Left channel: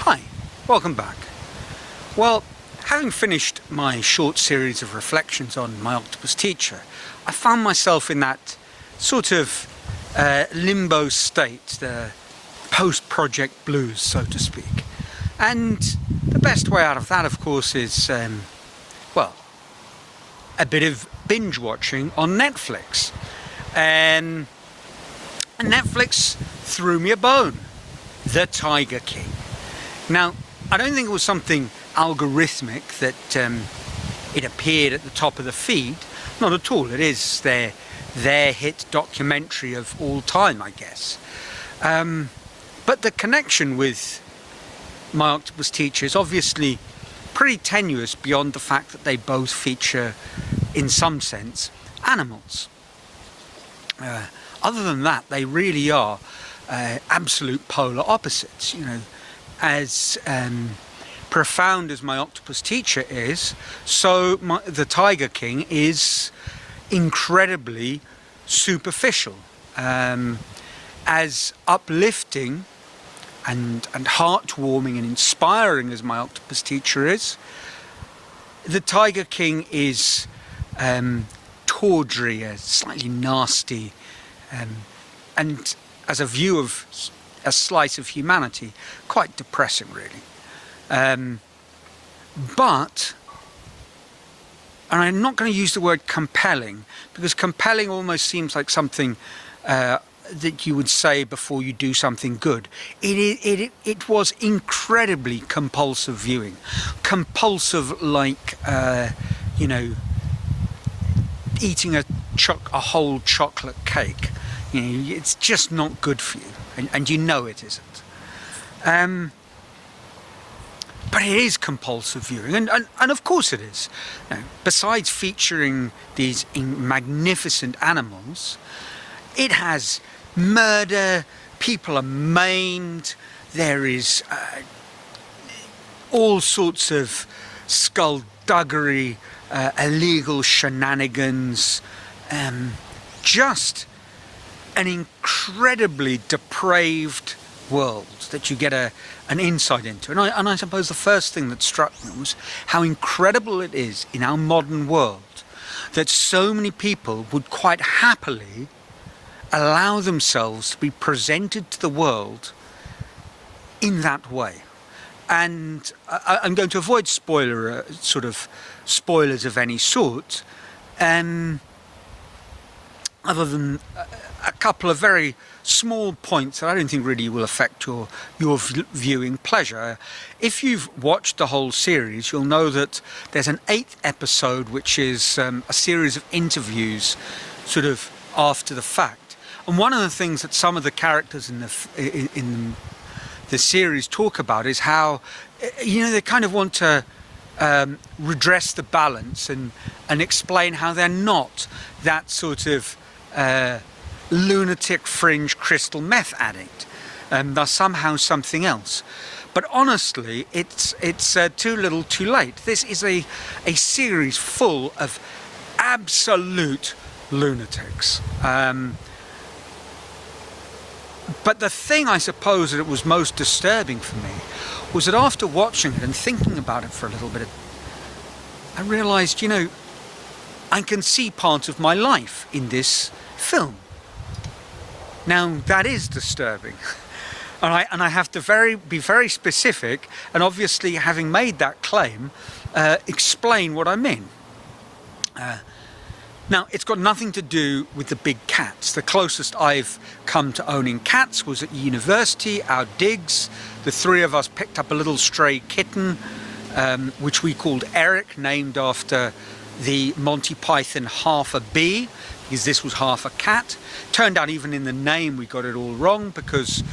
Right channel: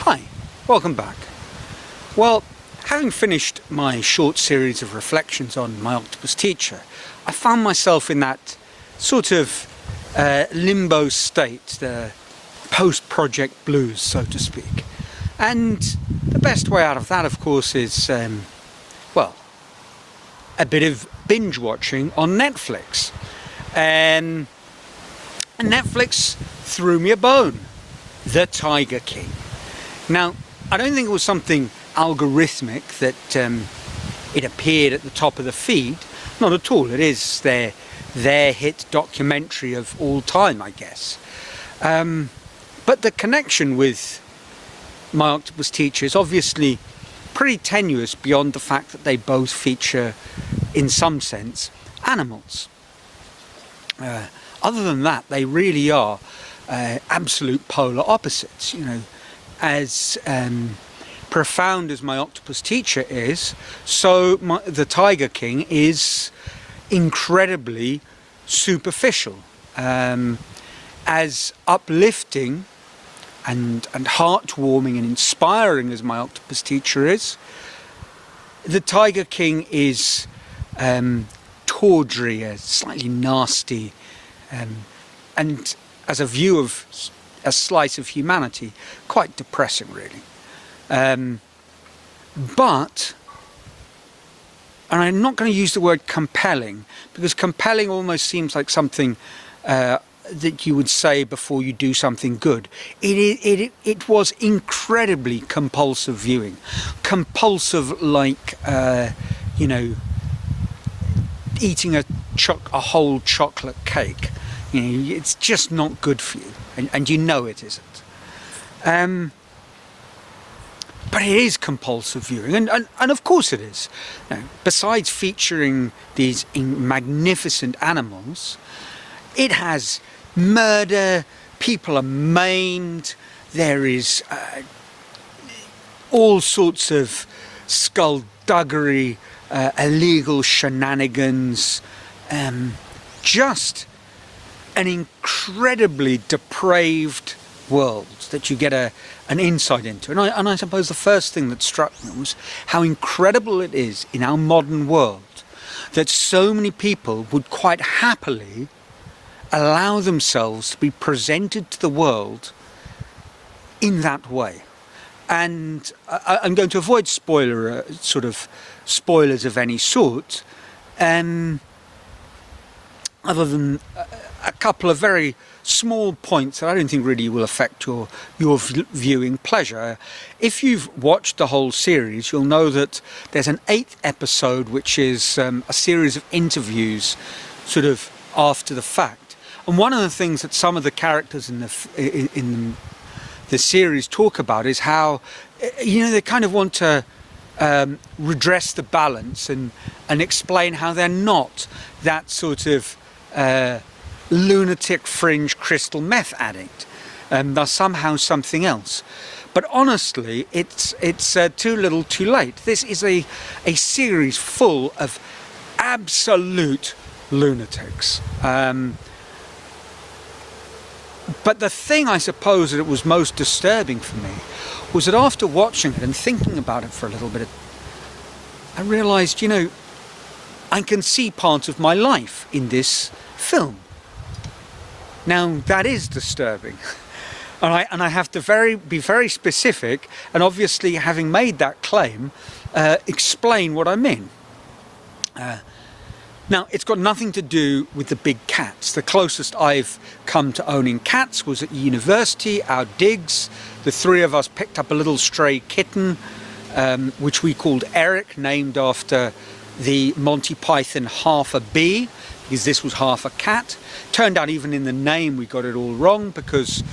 Hi, welcome back. Well, having finished my short series of reflections on My Octopus Teacher, I found myself in that sort of limbo state, the post-project blues, so to speak. And the best way out of that, of course, is, a bit of binge watching on Netflix. And Netflix threw me a bone, The Tiger King. Now, I don't think it was something algorithmic that it appeared at the top of the feed. Not at all. It is their hit documentary of all time, I guess. But the connection with My Octopus Teacher is obviously pretty tenuous beyond the fact that they both feature, in some sense, animals. Other than that, they really are absolute polar opposites, as profound as My Octopus Teacher is, so The Tiger King is incredibly superficial. As uplifting and heartwarming and inspiring as My Octopus Teacher is, The Tiger King is tawdry, slightly nasty, and as a view of a slice of humanity, quite depressing, really. But, and I'm not going to use the word compelling, because compelling almost seems like something that you would say before you do something good. It was incredibly compulsive viewing. Compulsive like, eating a whole chocolate cake. It's just not good for you. And you know it isn't. But it is compulsive viewing, and of course it is. Besides featuring these magnificent animals, it has murder, people are maimed, there is all sorts of skullduggery, illegal shenanigans, just an incredibly depraved world that you get an insight into. And I suppose the first thing that struck me was how incredible it is in our modern world that so many people would quite happily allow themselves to be presented to the world in that way. And I'm going to avoid spoilers of any sort, other than a couple of very small points that I don't think really will affect your viewing pleasure. If you've watched the whole series, you'll know that there's an 8th episode, which is a series of interviews sort of after the fact. And one of the things that some of the characters in the series talk about is how, they kind of want to redress the balance and explain how they're not that sort of lunatic fringe crystal meth addict, they're somehow something else. But honestly, it's too little too late. This is a series full of absolute lunatics. But the thing, I suppose, that it was most disturbing for me was that after watching it and thinking about it for a little bit, I realised, I can see part of my life in this film. Now, that is disturbing. And I have to be very specific, and obviously, having made that claim, explain what I mean. Now, it's got nothing to do with the big cats. The closest I've come to owning cats was at university, our digs. The three of us picked up a little stray kitten, which we called Eric, named after the Monty Python half a bee, because this was half a cat. Turned out even in the name we got it all wrong, because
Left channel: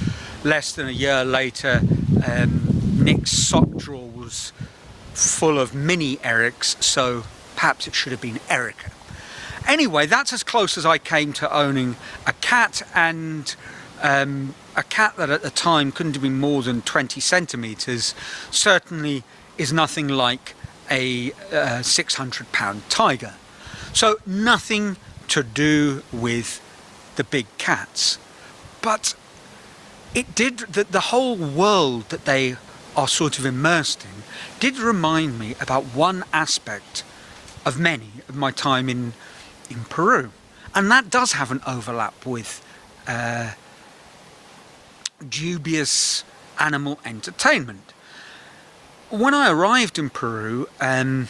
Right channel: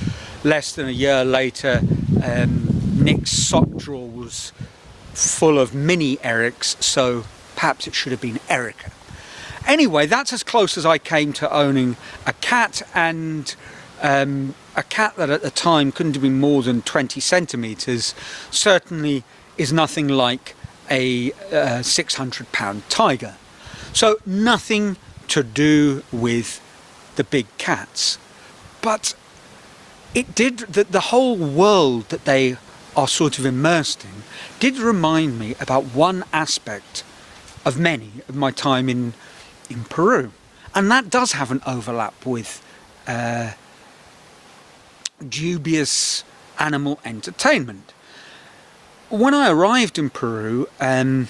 less than a year later, Nick's sock drawer was full of mini Erics, so perhaps it should have been Erica. Anyway, that's as close as I came to owning a cat, and a cat that at the time couldn't have been more than 20 centimetres, certainly is nothing like a 600-pound tiger. So nothing to do with the big cats. But it did, the whole world that they are sort of immersed in, did remind me about one aspect of many of my time in Peru. And that does have an overlap with dubious animal entertainment. When I arrived in Peru, at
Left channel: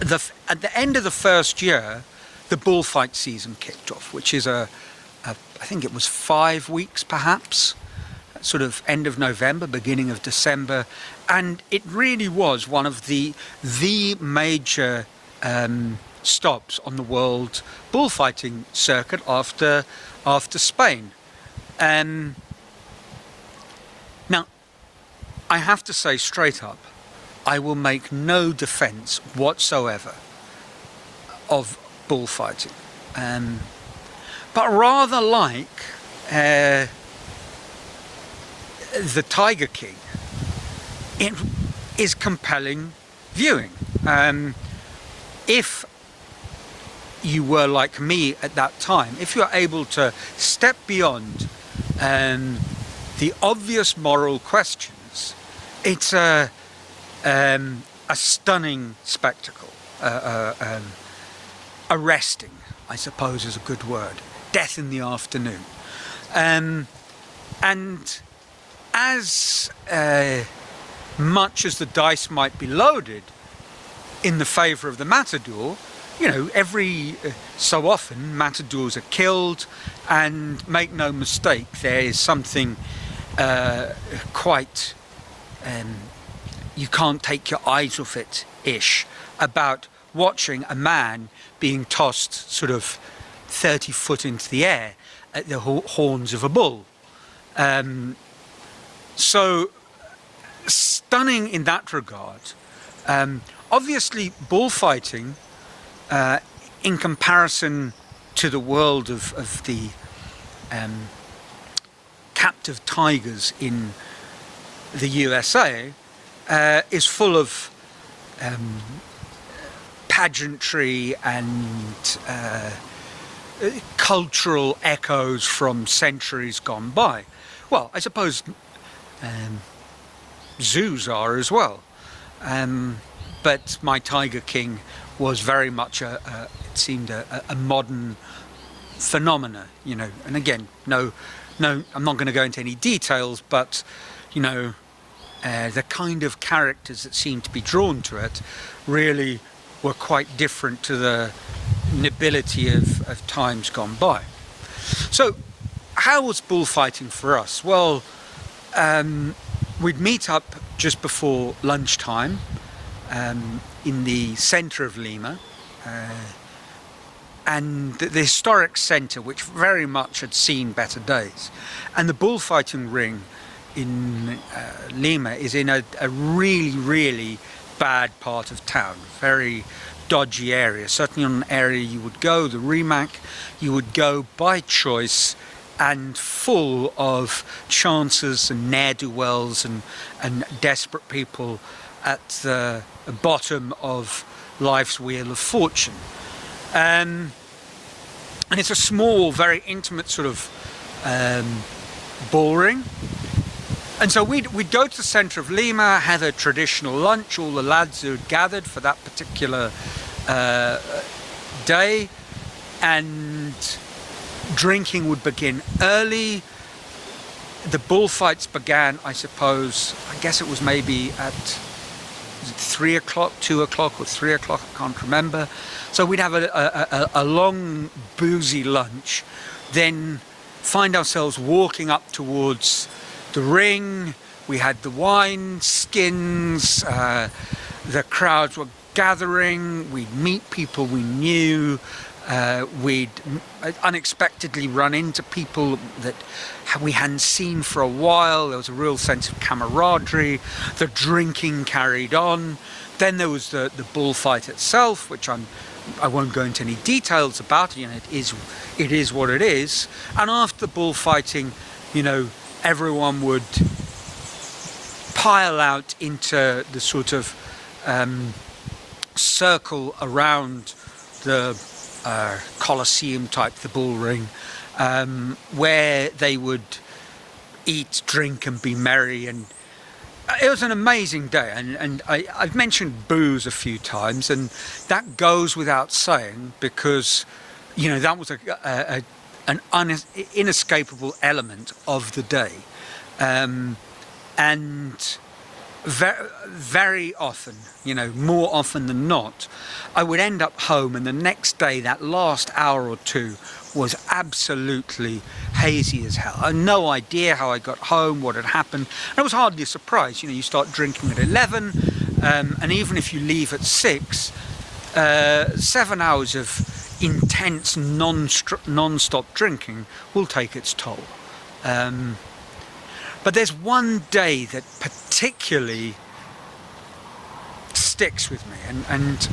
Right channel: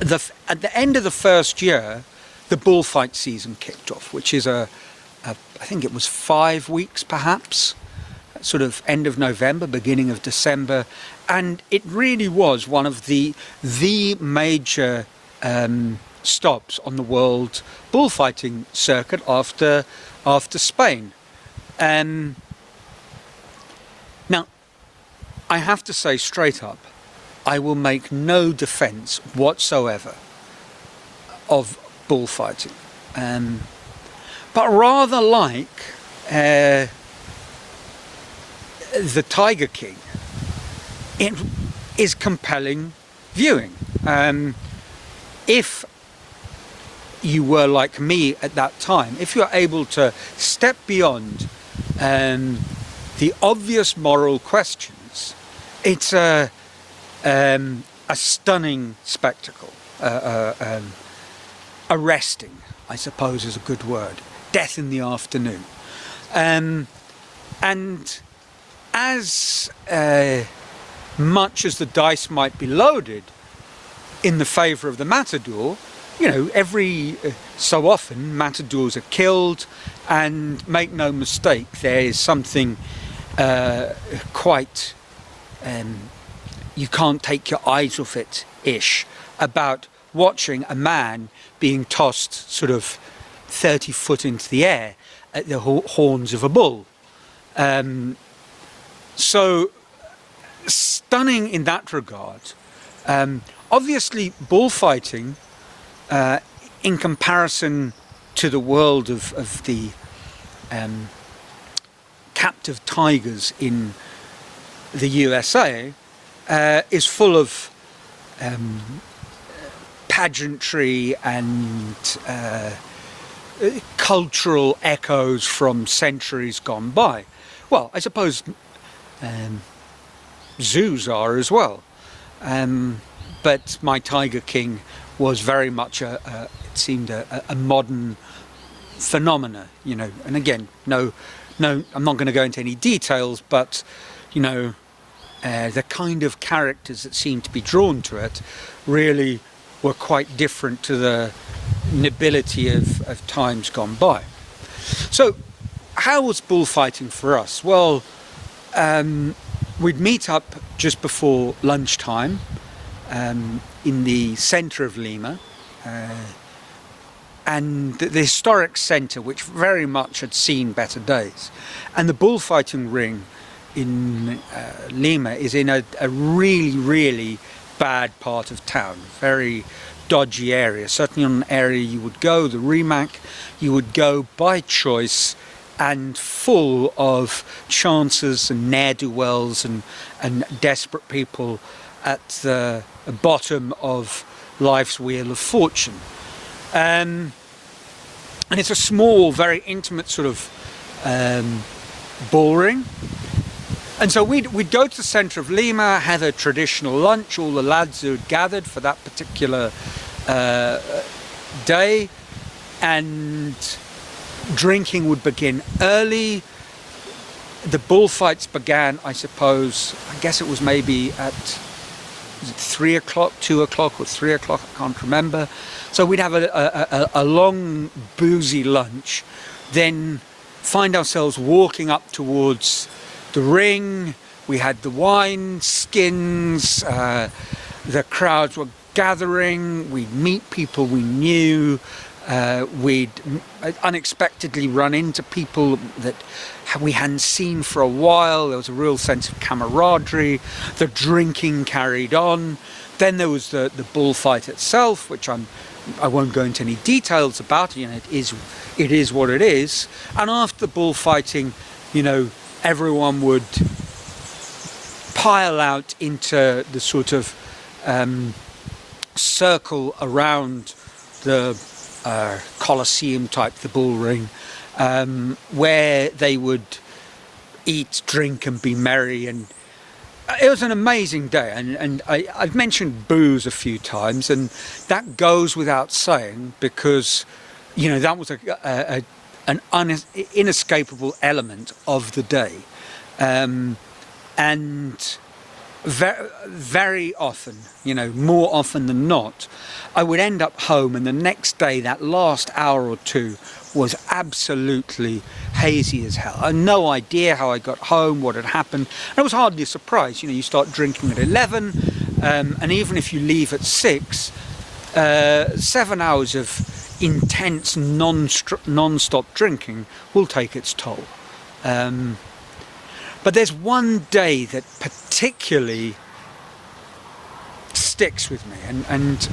the end of the first year, the bullfight season kicked off, which is I think it was 5 weeks perhaps, sort of end of November, beginning of December, and it really was one of the major stops on the world bullfighting circuit after Spain. Now, I have to say straight up, I will make no defence whatsoever of bullfighting, but rather like the Tiger King, it is compelling viewing. If you were like me at that time, if you're able to step beyond the obvious moral questions, it's a stunning spectacle. Arresting, I suppose, is a good word. Death in the afternoon. And as much as the dice might be loaded in the favour of the matador, you know, every so often matadors are killed, and make no mistake, there is something quite you can't take your eyes off it-ish about watching a man being tossed sort of 30 foot into the air at the horns of a bull. So stunning in that regard. Obviously bullfighting, in comparison to the world of the captive tigers in the USA, is full of pageantry and cultural echoes from centuries gone by. Well, I suppose zoos are as well, but my Tiger King was very much it seemed a modern phenomena, you know. And again, no, I'm not going to go into any details, but you know, the kind of characters that seemed to be drawn to it really were quite different to the nobility of times gone by. So, how was bullfighting for us? Well, we'd meet up just before lunchtime in the centre of Lima, and the historic centre, which very much had seen better days. And the bullfighting ring in Lima is in a really, really bad part of town, very dodgy area, certainly on an area you would go, the Rimac, you would go by choice, and full of chances and ne'er-do-wells and desperate people at the bottom of life's wheel of fortune. And it's a small, very intimate sort of bull ring. And so we'd go to the centre of Lima, have a traditional lunch, all the lads who had gathered for that particular day, and drinking would begin early. The bullfights began, I suppose, I guess it was maybe at 3 o'clock, 2 o'clock or 3 o'clock, I can't remember. So we'd have a long boozy lunch, then find ourselves walking up towards the ring. We had the wine skins, the crowds were gathering, we'd meet people we knew, we'd unexpectedly run into people that we hadn't seen for a while. There was a real sense of camaraderie. The drinking carried on. Then there was the bullfight itself, which I won't go into any details about. You know, it is what it is. And after the bullfighting, you know, everyone would pile out into the sort of circle around the Colosseum type, the bull ring, where they would eat, drink and be merry. And it was an amazing day. And I've mentioned booze a few times, and that goes without saying because, you know, that was an inescapable element of the day. And very often, you know, more often than not, I would end up home, and the next day, that last hour or two was absolutely hazy as hell. I had no idea how I got home, what had happened. And it was hardly a surprise. You know, you start drinking at 11, and even if you leave at 6, 7 hours of intense non-stop drinking will take its toll. But there's one day that particularly sticks with me, and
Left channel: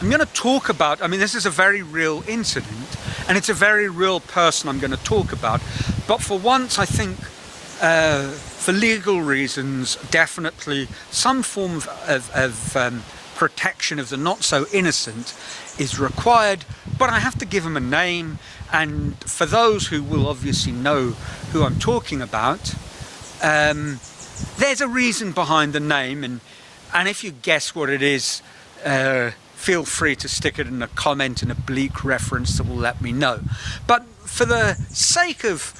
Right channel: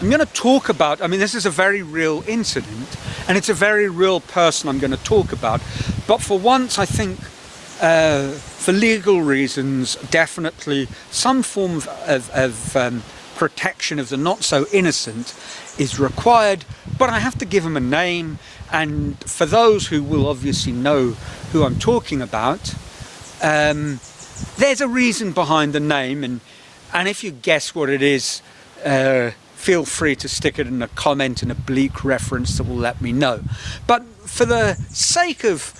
I'm going to talk about, I mean, this is a very real incident, and it's a very real person I'm going to talk about, but for once I think, for legal reasons, definitely some form of protection of the not-so-innocent is required, but I have to give him a name, and for those who will obviously know who I'm talking about, there's a reason behind the name, and if you guess what it is, feel free to stick it in a comment, in a bleak reference that will let me know. But for the sake of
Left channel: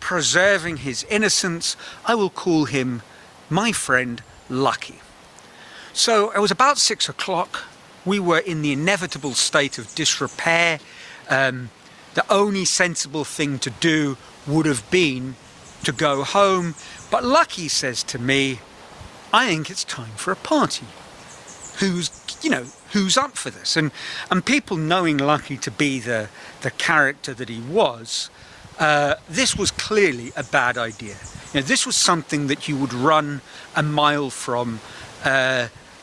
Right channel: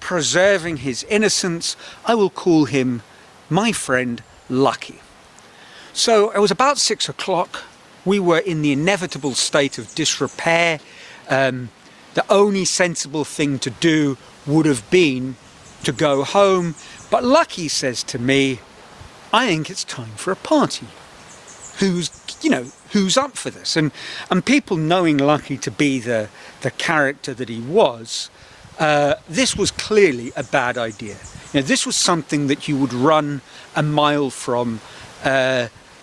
preserving his innocence, I will call him my friend Lucky. So it was about 6 o'clock. We were in the inevitable state of disrepair. The only sensible thing to do would have been to go home. But Lucky says to me, I think it's time for a party. Who's up for this? And people knowing Lucky to be the character that he was, this was clearly a bad idea. You know, this was something that you would run a mile from,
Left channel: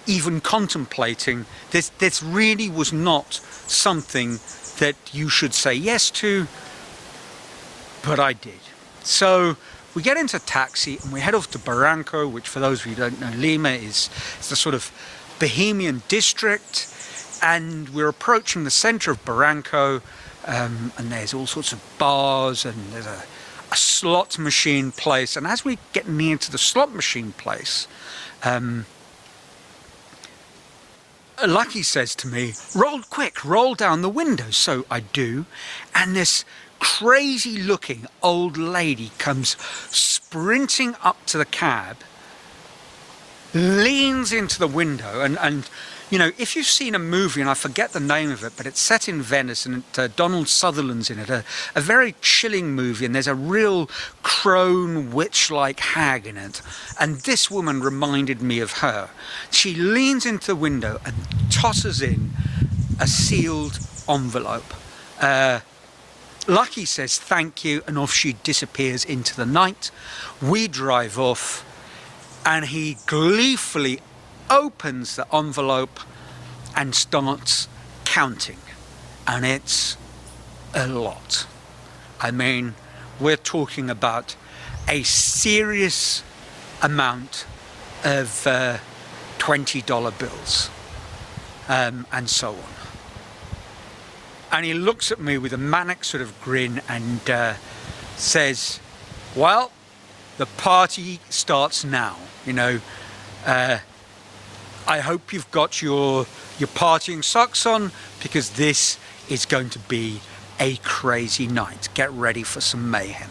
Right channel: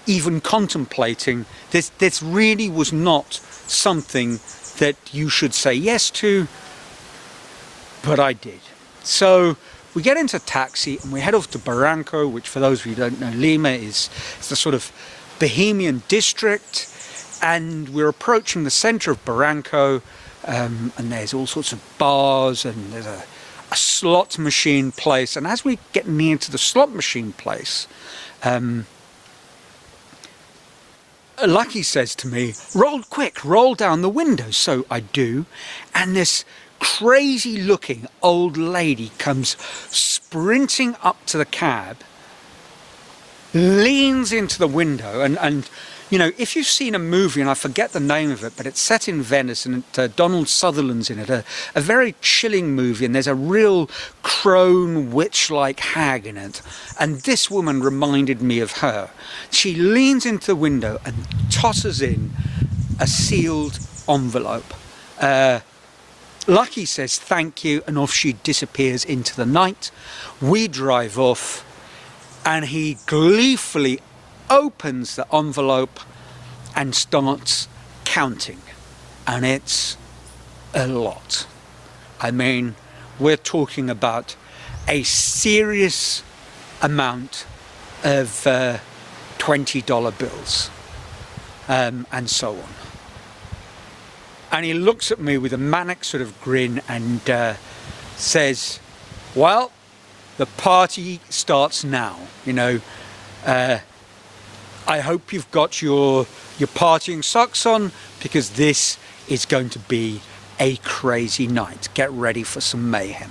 even contemplating. This really was not something that you should say yes to, but I did. So we get into a taxi and we head off to Barranco, which for those of you who don't know, Lima is the sort of Bohemian district, and we're approaching the centre of Barranco, and there's all sorts of bars, and there's a slot machine place, and as we get near to the slot machine place, Lucky says to me, roll down the window. So I do, and this crazy looking old lady comes sprinting up to the cab, leans into the window, and you know, if you've seen a movie, and I forget the name of it, but it's set in Venice, and Donald Sutherland's in it, a very chilling movie, and there's a real crone witch-like hag in it, and this woman reminded me of her. She leans into the window and tosses in a sealed envelope. Lucky says thank you, and off she disappears into the night. We drive off, and he gleefully opens the envelope and starts counting, and it's a lot. I mean, we're talking about a serious amount of $20 bills, and so on. And he looks at me with a manic sort of grin and says, well, the party starts now, you know. I hope you've got your partying socks on, because this is going to be a crazy night. Get ready for some mayhem.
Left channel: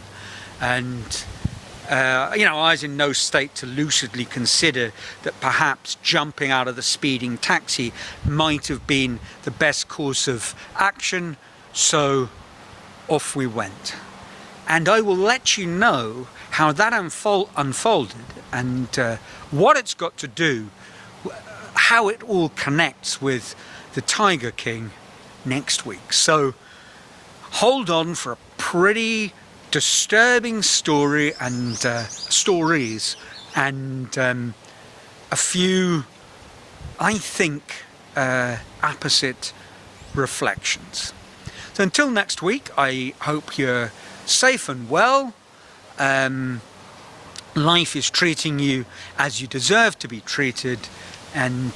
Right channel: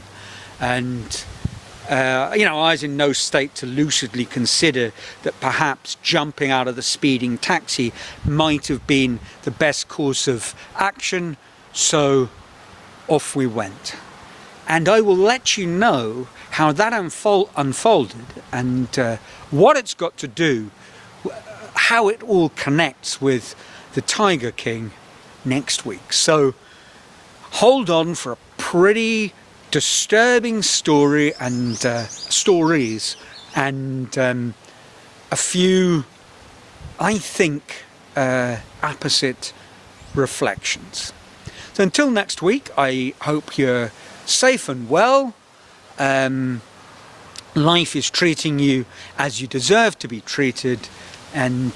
And, you know, I was in no state to lucidly consider that perhaps jumping out of the speeding taxi might have been the best course of action, so off we went. And I will let you know how that unfolded, and what it's got to do, how it all connects with the Tiger King next week. So hold on for a pretty disturbing story and stories, and a few, I think, opposite reflections. So until next week, I hope you're safe and well. Life is treating you as you deserve to be treated, and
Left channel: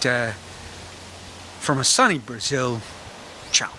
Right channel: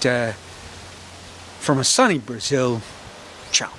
from a sunny Brazil, ciao.